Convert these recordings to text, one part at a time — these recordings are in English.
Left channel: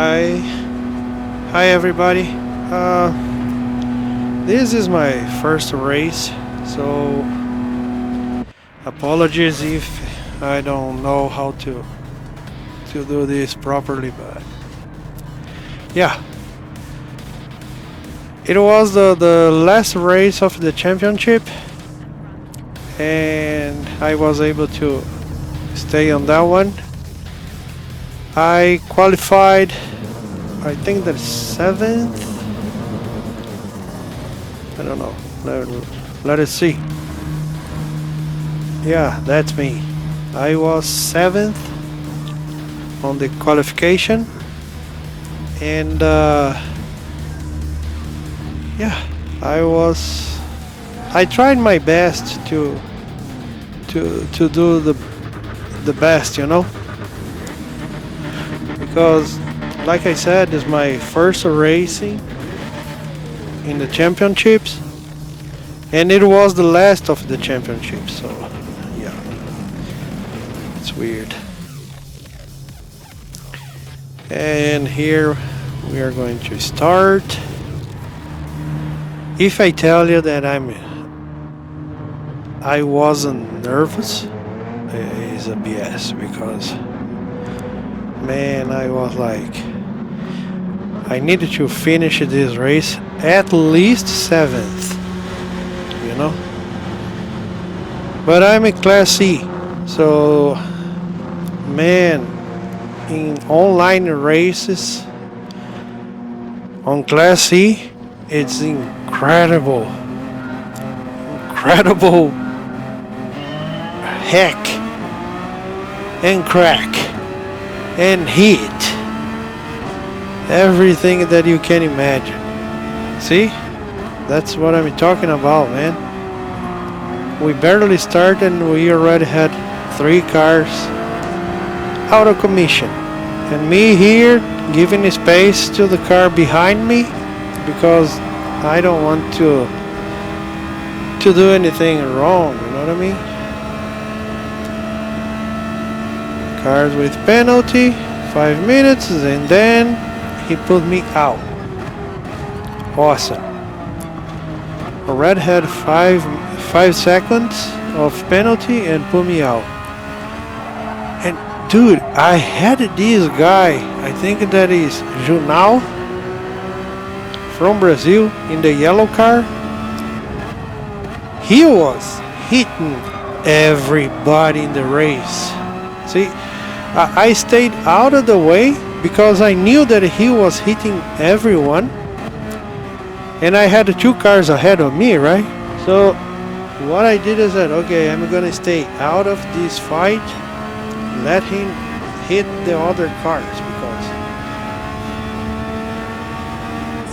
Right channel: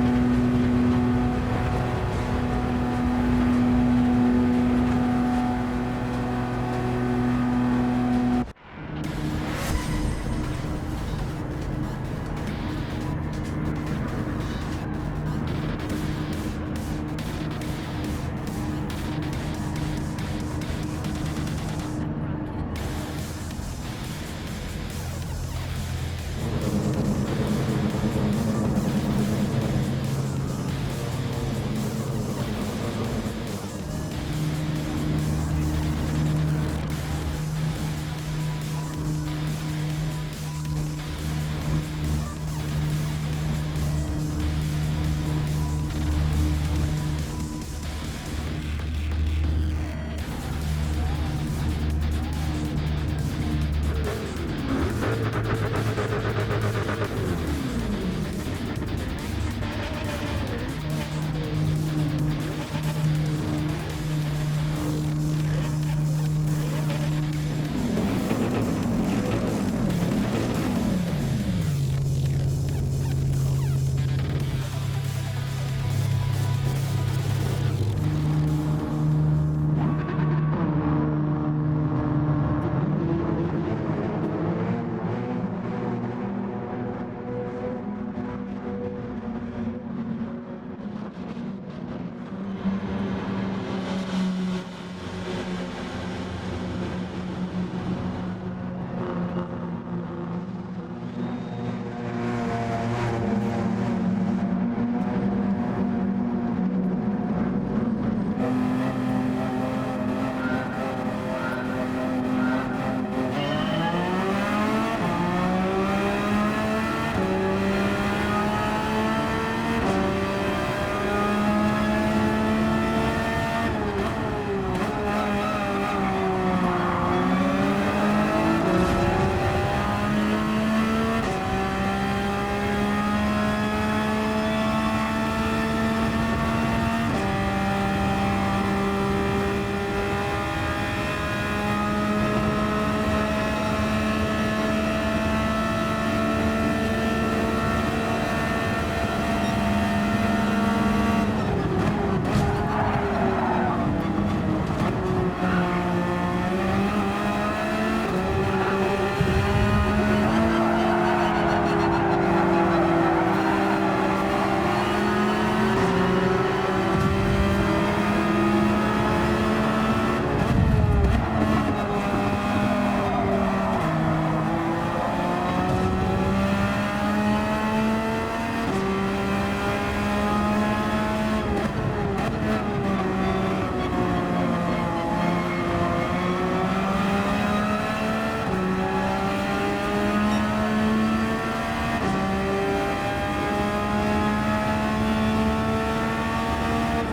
Hi, hi everybody. This is my first race, so apologies if I don't know how to do this properly. But yeah, it was the last race of the championship, and I was able to stay on that one. I qualified, I think the 7th. I don't know. Let us see. Yeah, that's me. I was 7th on the qualification, and yeah, I tried my best to do the best, because like I said, it's my first racing in the championships, and it was the last of the championships, so yeah, it's weird. And here we are going to start. If I tell you that I wasn't nervous, it's a BS, because man, I was like, I needed to finish this race at least 7th, you know? But I'm in Class C, so man, in online races on Class C, it's incredible heck and crack and heat, everything that you can imagine. See, that's what I'm talking about, man. We barely started and we already had 3 cars out of commission, and me here giving space to the car behind me because I don't want to do anything wrong, you know what I mean? Cars with penalty, 5 minutes, and then he put me out. Awesome. A red had 5 seconds of penalty and put me out. And dude, I had this guy, I think that is Junal from Brazil, in the yellow car. He was hitting everybody in the race. See, I stayed out of the way because I knew that he was hitting everyone, and I had 2 cars ahead of me, right? So what I did is that, okay, I'm gonna stay out of this fight, let him hit the other cars, because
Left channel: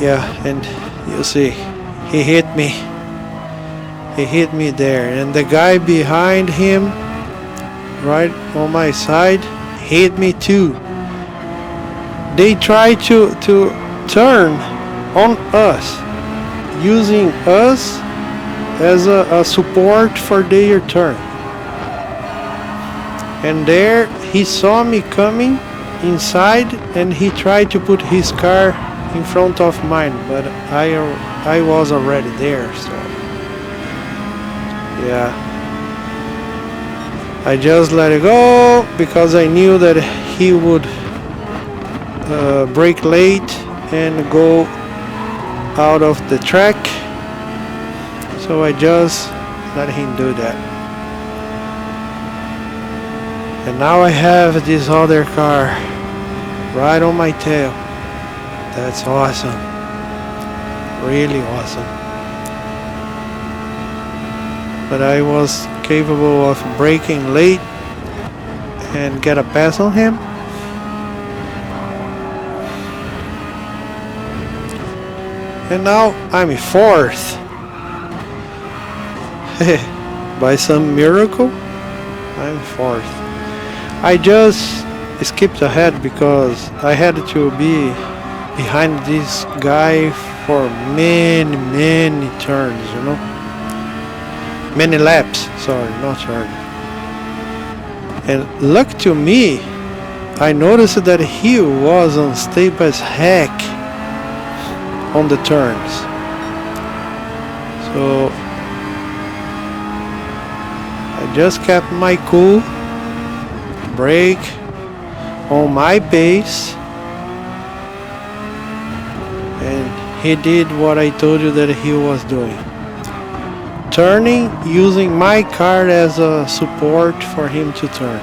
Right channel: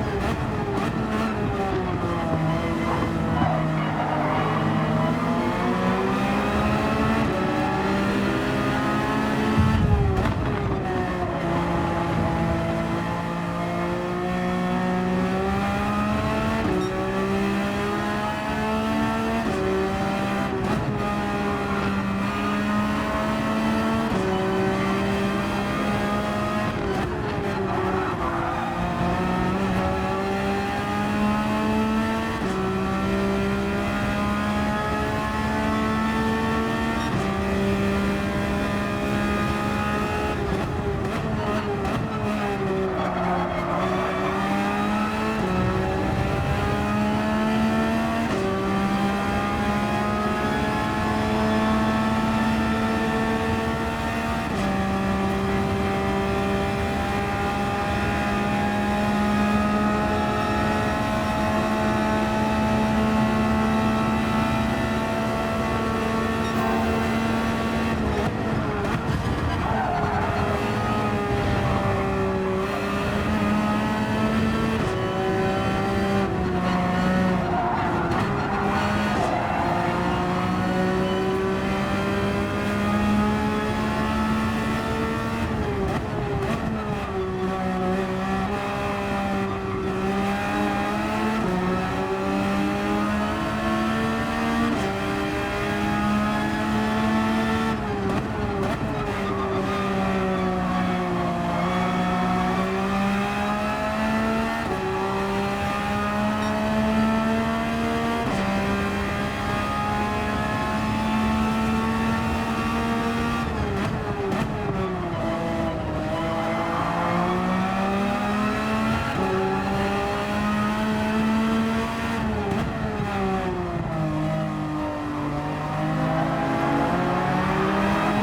yeah, and you see, he hit me there, and the guy behind him right on my side hit me too. They try to turn on us, using us as a support for their turn. And there he saw me coming inside, and he tried to put his car in front of mine, but I was already there, so yeah, I just let it go because I knew that he would brake late and go out of the track, so I just let him do that. And now I have this other car right on my tail. That's awesome, really awesome. But I was capable of braking late and get a pass on him. And now I'm 4th. By some miracle, I'm 4th. I just skipped ahead because I had to be behind this guy for many turns, you know? Many laps, sorry, not turns. And luck to me, I noticed that he was unstable as heck on the turns. So I just kept my cool, brake on my pace, and he did what I told you that he was doing. Turning, using my car as a support for him to turn.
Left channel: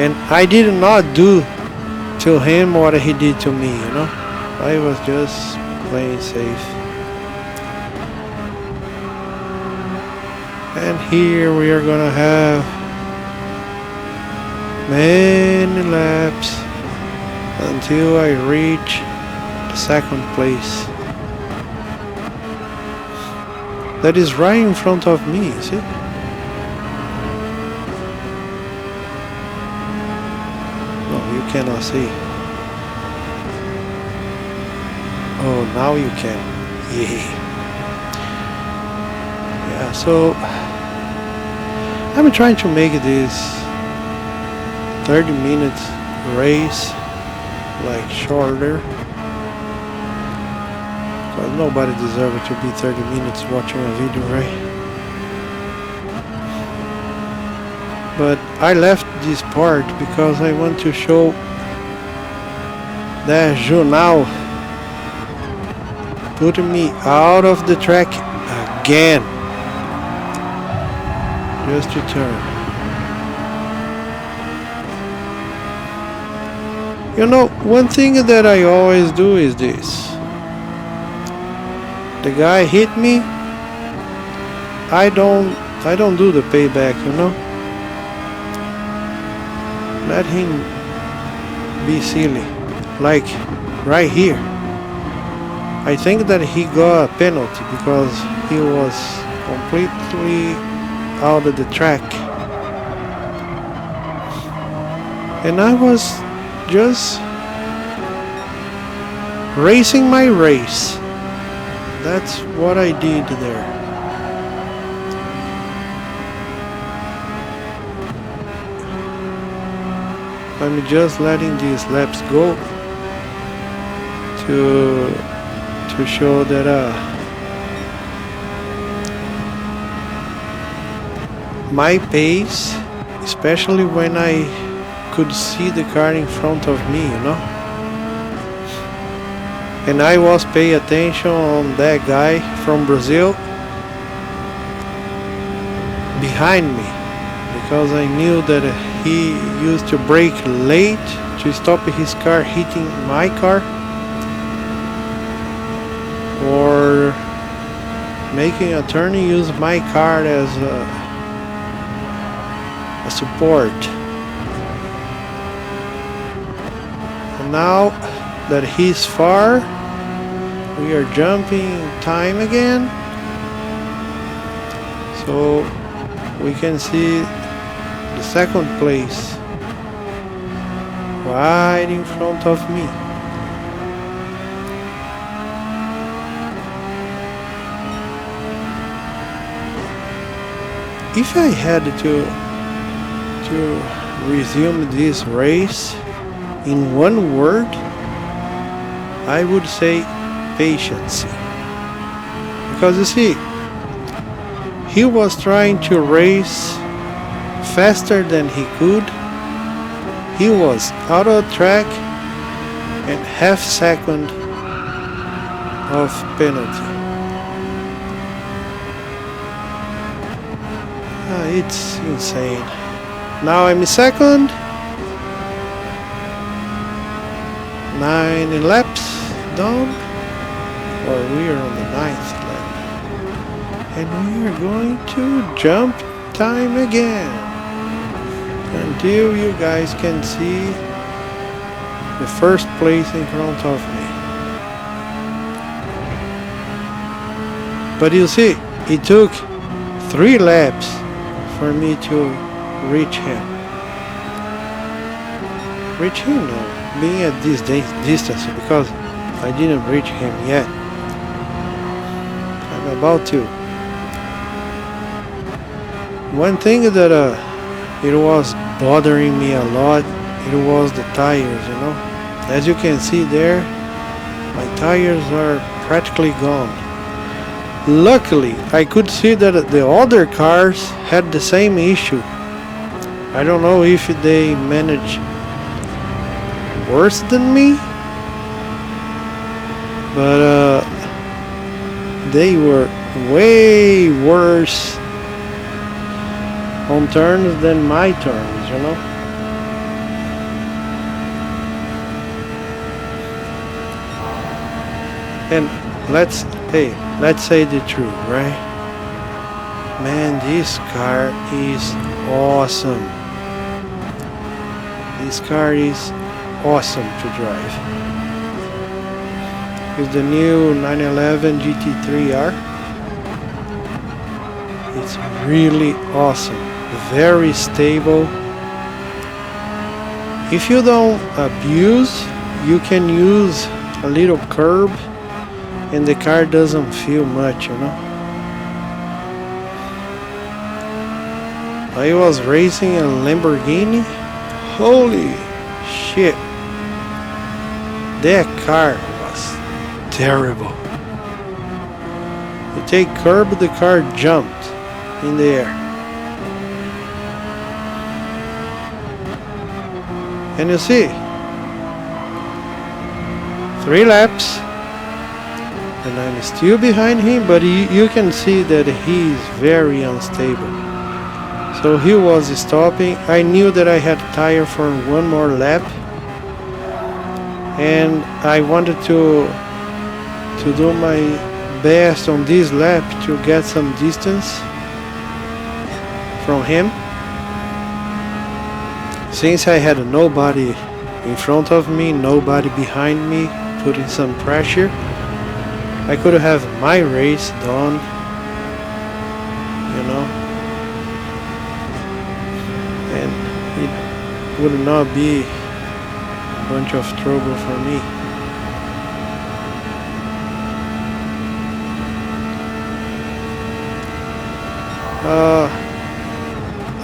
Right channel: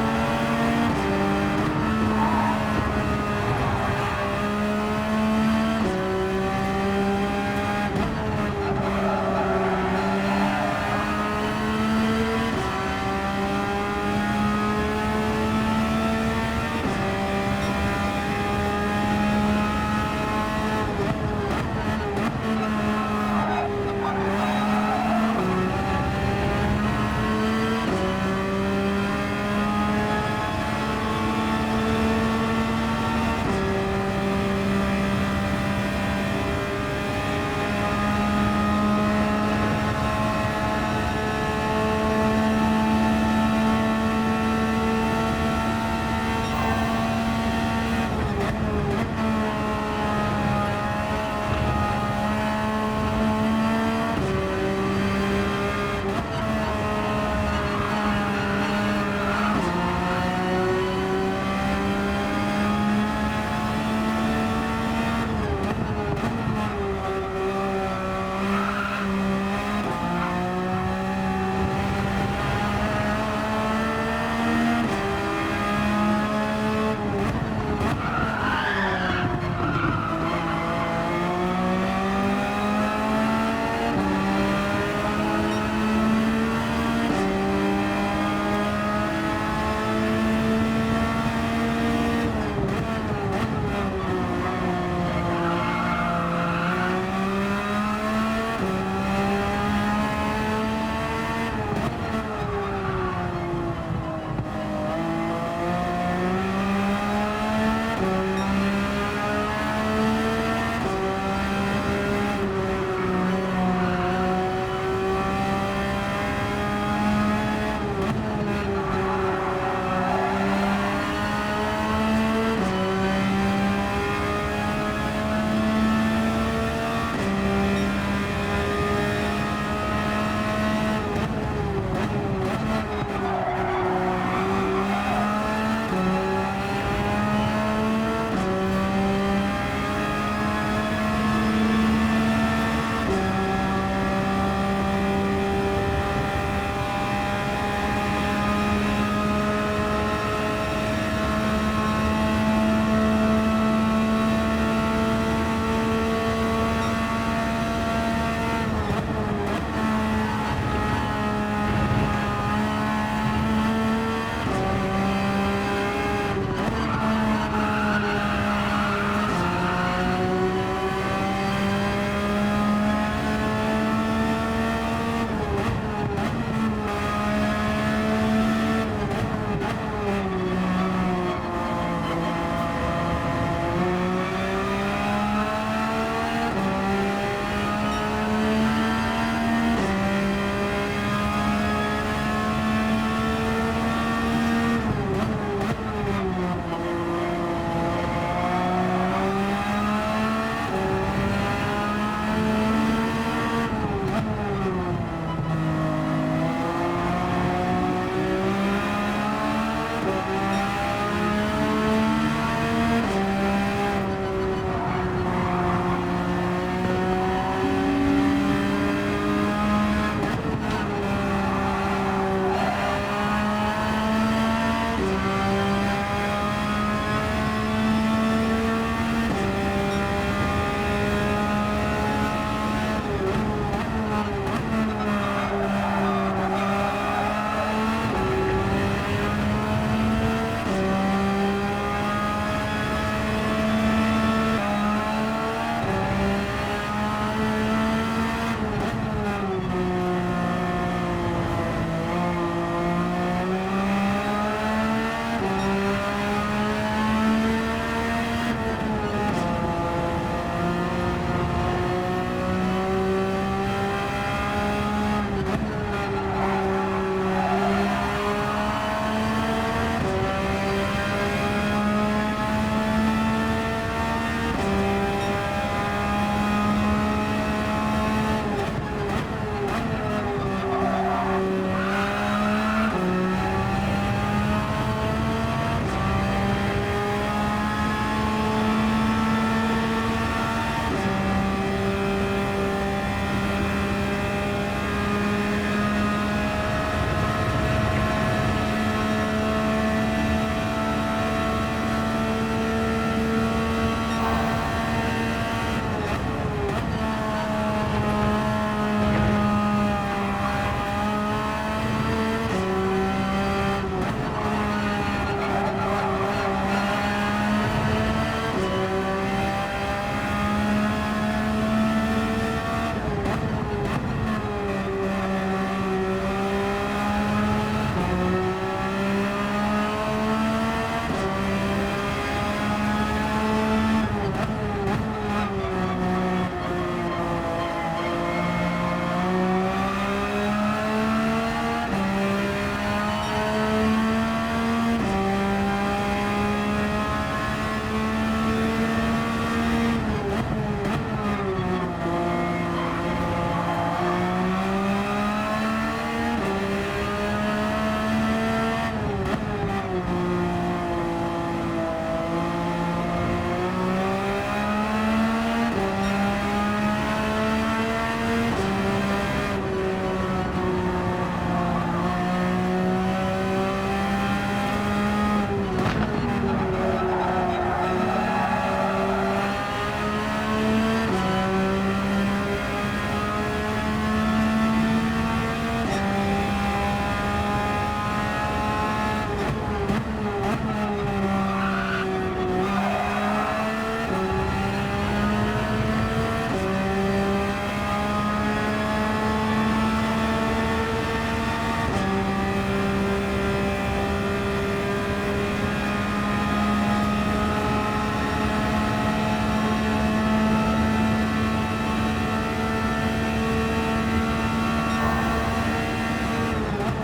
And I did not do to him what he did to me, you know? I was just playing safe. And here we are gonna have many laps until I reach second place. That is right in front of me, see? Oh, you cannot see. Oh, now you can. Yeah, so I'm trying to make this 30 minutes race like shorter. Nobody deserves to be 30 minutes watching a video, right? But I left this part because I want to show that Junal put me out of the track again. Just to turn. You know, one thing that I always do is this. The guy hit me, I don't do the payback, you know? Let him be silly. Like right here. I think that he got a penalty because he was completely out of the track. And I was just racing my race. That's what I did there. I'm just letting these laps go to show that my pace, especially when I could see the car in front of me, you know? And I was paying attention on that guy from Brazil behind me because I knew that he used to brake late to stop his car hitting my car or making a turn and use my car as a support. And now that he's far, we are jumping time again, so we can see the second place right in front of me. If I had to resume this race in one word, I would say patience. Because you see, he was trying to race faster than he could. He was out of track and half second of penalty. It's insane. Now I'm second. 9 laps down. Well, we are on the 9th lap. And we are going to jump time again. Until you guys can see the first place in front of me. But you see, it took 3 laps for me to reach him. Reach him now, being at this distance, because I didn't reach him yet. I'm about to. One thing that it was bothering me a lot. It was the tires, you know. As you can see there, the tires are practically gone. Luckily, I could see that the other cars had the same issue. I don't know if they managed worse than me, but they were way worse on turns than my turns, you know. And let's say the truth, right? Man, this car is awesome. This car is awesome to drive. With the new 911 GT3R, it's really awesome. Very stable. If you don't abuse, you can use a little curb and the car doesn't feel much, you know. I was racing a Lamborghini. Holy shit. That car was terrible. You take curb, the car jumped in the air. Can you see? 3 laps. And I'm still behind him, but you can see that he's very unstable. So he was stopping. I knew that I had tire for one more lap, and I wanted to do my best on this lap to get some distance from him. Since I had nobody in front of me, nobody behind me, putting some pressure, I could have my race done, you know, and it would not be a bunch of trouble for me.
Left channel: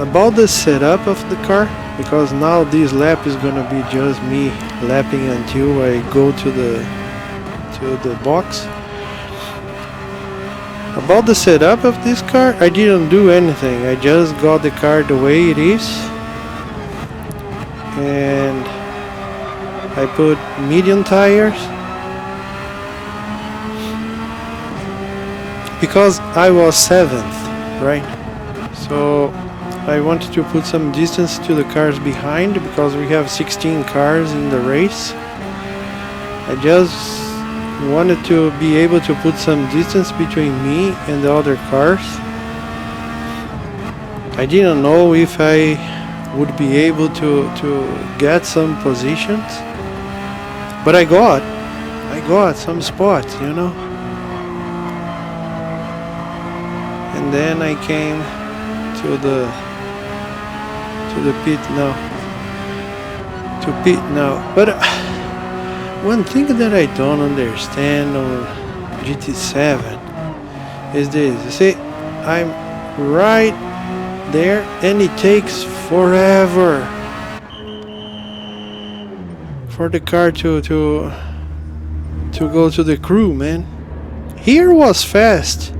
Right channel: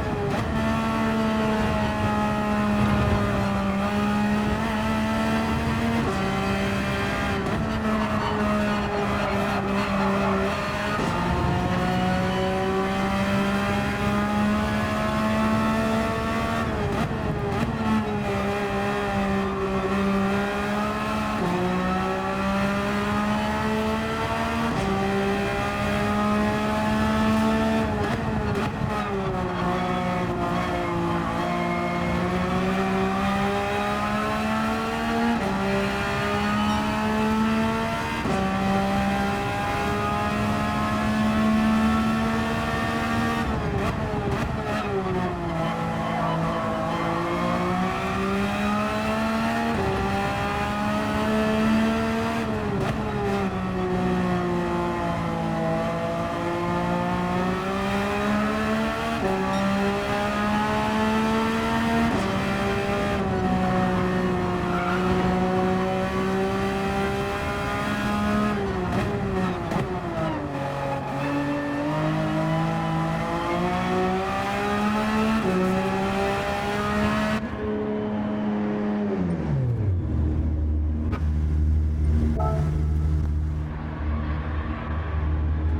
About the setup of the car, because now this lap is gonna be just me lapping until I go to the box. About the setup of this car, I didn't do anything. I just got the car the way it is, and I put medium tires because I was 7th, right? So I wanted to put some distance to the cars behind because we have 16 cars in the race. I just wanted to be able to put some distance between me and the other cars. I didn't know if I would be able to get some positions, but I got some spots, you know. And then I came to the pit now. But one thing that I don't understand on GT7 is this. You see, I'm right there and it takes forever for the car to go to the crew, man. Here was fast,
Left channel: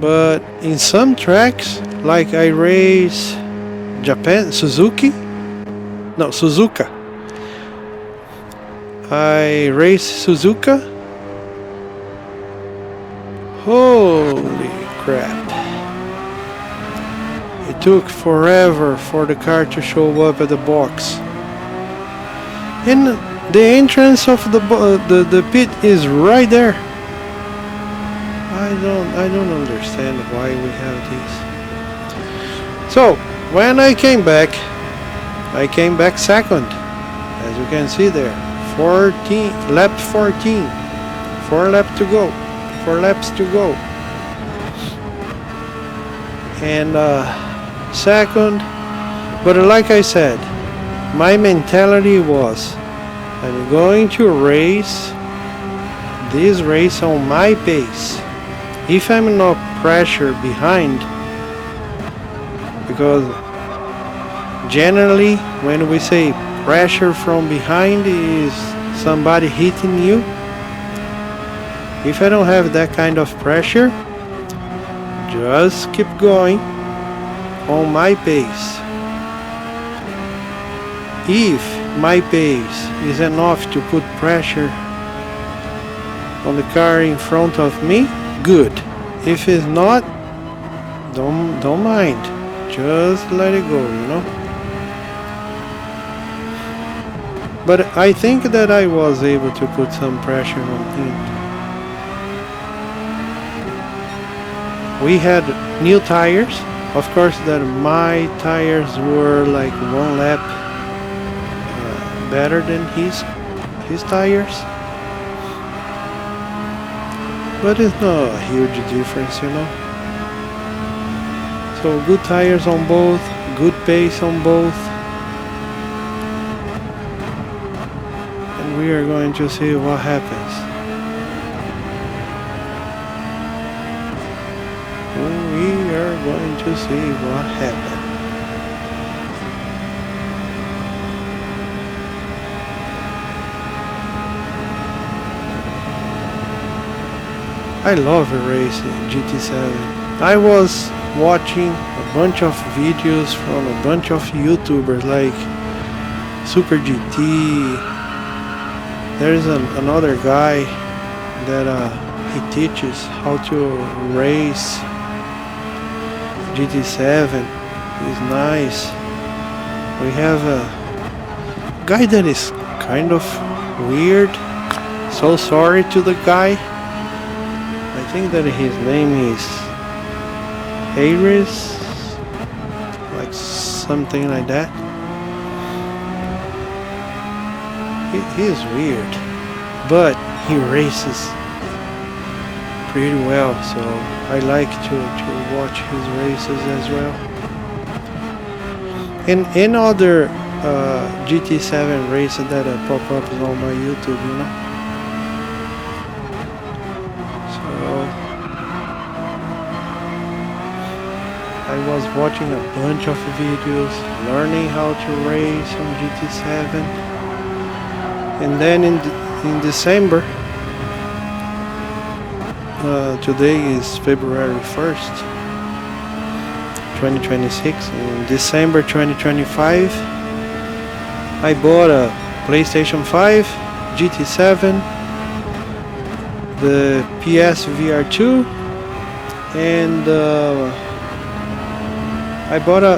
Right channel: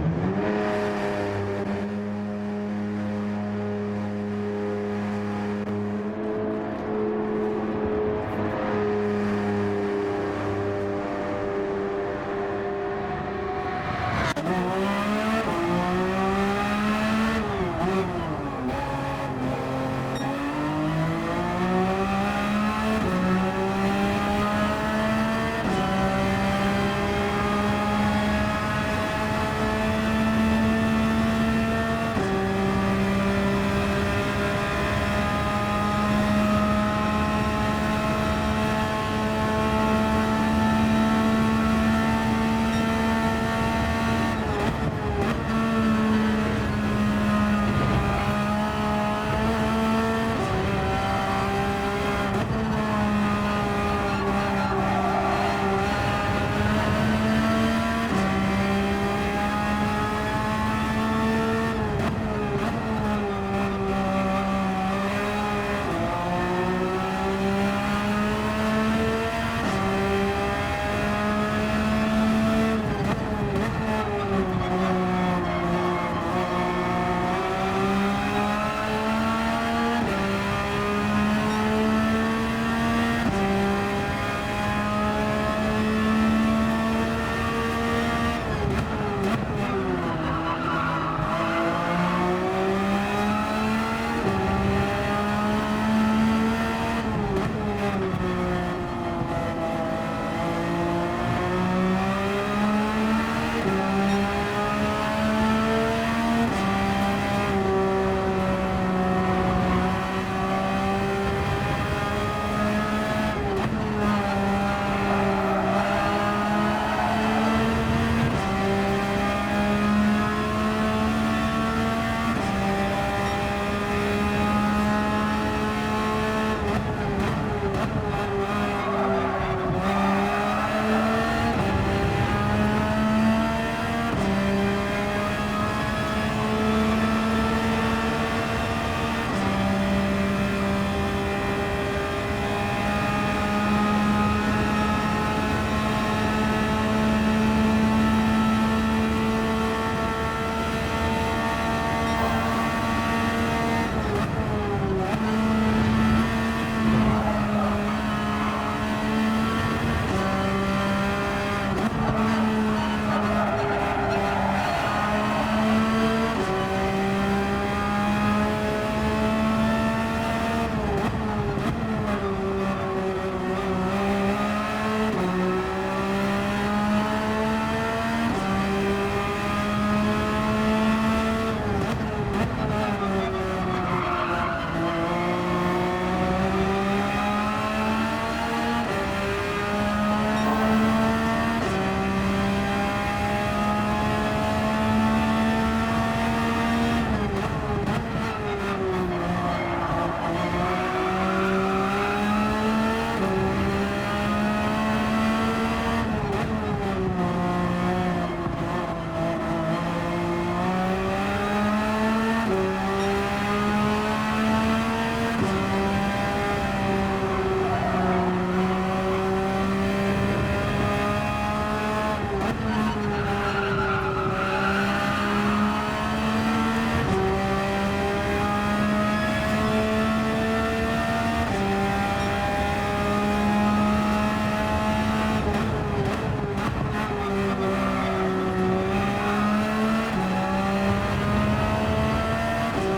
but in some tracks, like I race Suzuka. I race Suzuka. Holy crap. It took forever for the car to show up at the box. And the entrance of the pit is right there. I don't understand why we have this. So when I came back second, as you can see there. Lap 14. 4 laps to go. And second, but like I said, my mentality was, I'm going to race this race on my pace. If I'm not pressured behind, because generally when we say pressure from behind is somebody hitting you. If I don't have that kind of pressure, just keep going on my pace. If my pace is enough to put pressure on the car in front of me, good. If it's not, don't mind. Just let it go, you know. But I think that I was able to put some pressure on him. We had new tires. Of course, that my tires were like one lap better than his tires. But it's not a huge difference, you know. So good tires on both, good pace on both. And we are going to see what happens. We are going to see what happens. I love the race GT7. I was watching a bunch of videos from a bunch of YouTubers like Super GT. There is another guy that he teaches how to race GT7. He's nice. We have a guy that is kind of weird. So sorry to the guy. I think that his name is Harris, like something like that. He is weird, but he races pretty well, so I like to watch his races as well. And in other GT7 races that I pop up on my YouTube, you know. Watching a bunch of videos, learning how to race on GT7, and then in December, today is February 1st, 2026, in December 2025, I bought a PlayStation 5, GT7, the PSVR 2, and I bought a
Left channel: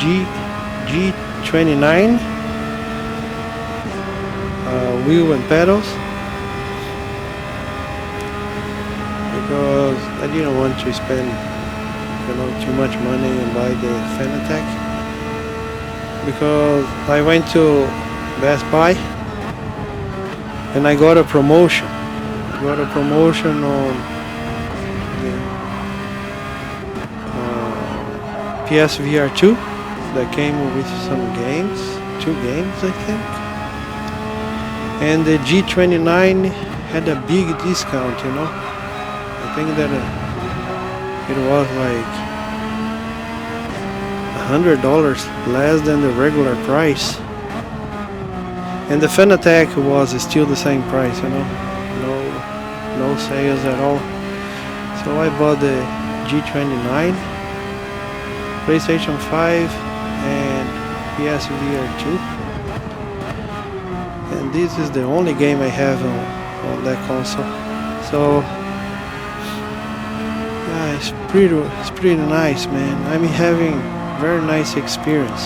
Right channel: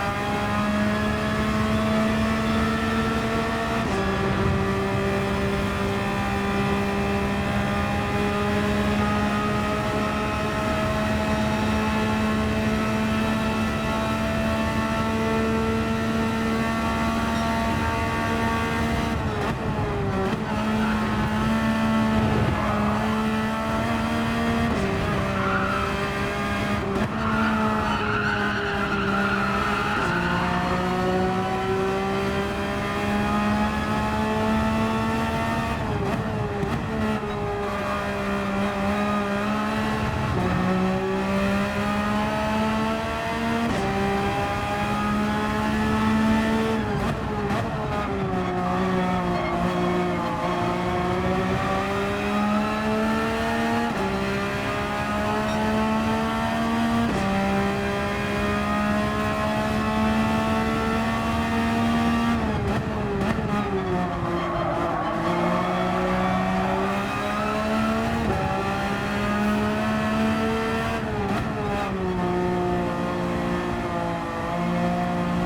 G29 wheel and pedals because I didn't want to spend too much money and buy the Fanatec, because I went to Best Buy and I got a promotion. On PSVR 2 that came with some games, 2 games I think, and the G29 had a big discount, you know. I think that it was like $100 less than the regular price, and the Fanatec was still the same price, you know, no sales at all. So I bought the G29, PlayStation 5 and PSVR 2, and this is the only game I have on that console. So it's pretty nice, man. I'm having very nice experience.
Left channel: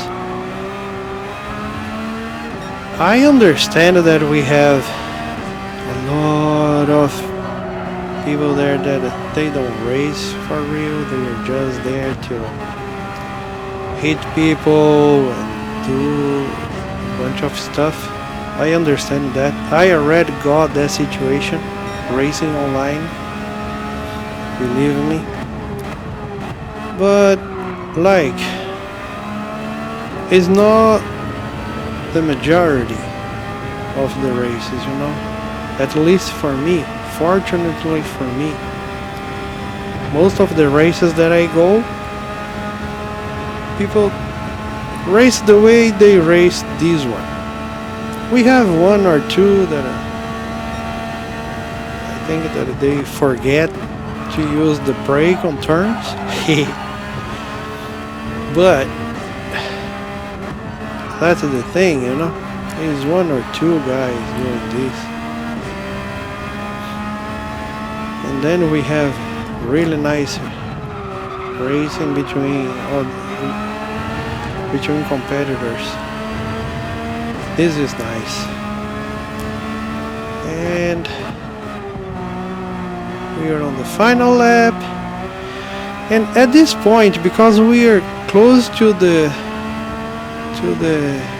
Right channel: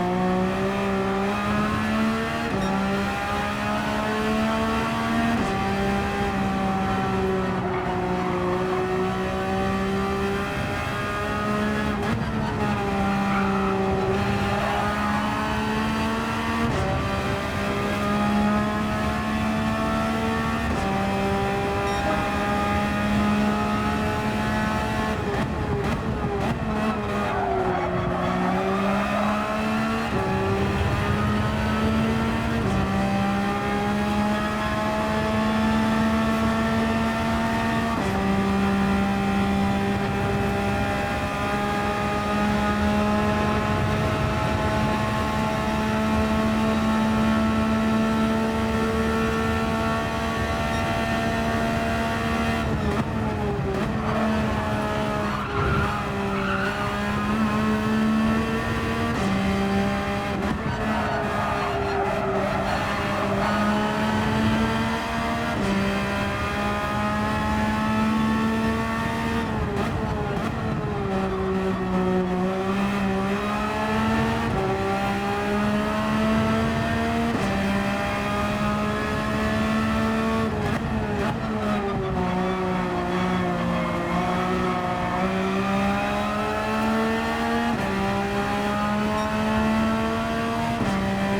I understand that we have a lot of people there that they don't race for real. They are just there to hit people, do a bunch of stuff. I understand that. I already got that situation racing online, believe me. But like, it's not the majority of the races, you know. At least for me, fortunately for me, most of the races that I go, people race the way they race this one. We have one or two that I think that they forget to use the brake on turns. But that's the thing, you know. There's one or two guys doing this. And then we have really nice racing between competitors. This is nice. And we are on the final lap. And at this point, because we are close to the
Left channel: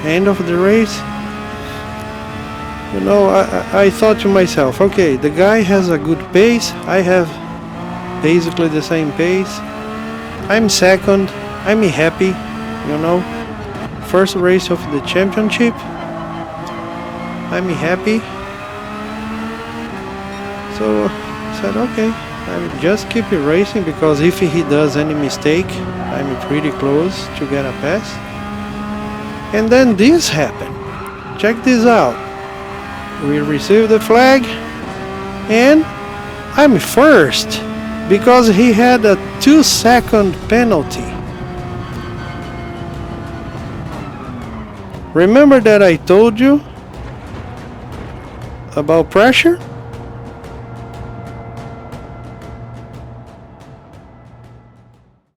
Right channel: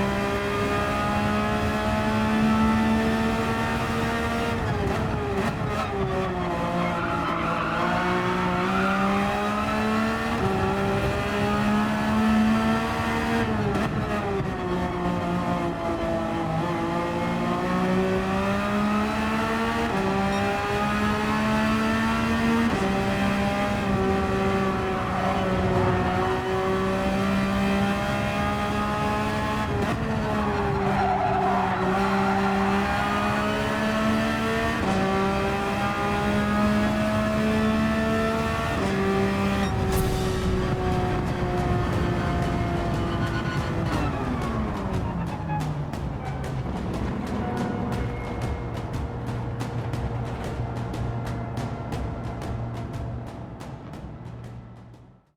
end of the race, you know, I thought to myself, okay, the guy has a good pace. I have basically the same pace. I'm second. I'm happy, you know. First race of the championship. I'm happy. So I said, okay, I'll just keep it racing, because if he does any mistake, I'm pretty close to get a pass. And then this happened. Check this out. We received the flag, and I'm first because he had a 2-second penalty. Remember that I told you about pressure?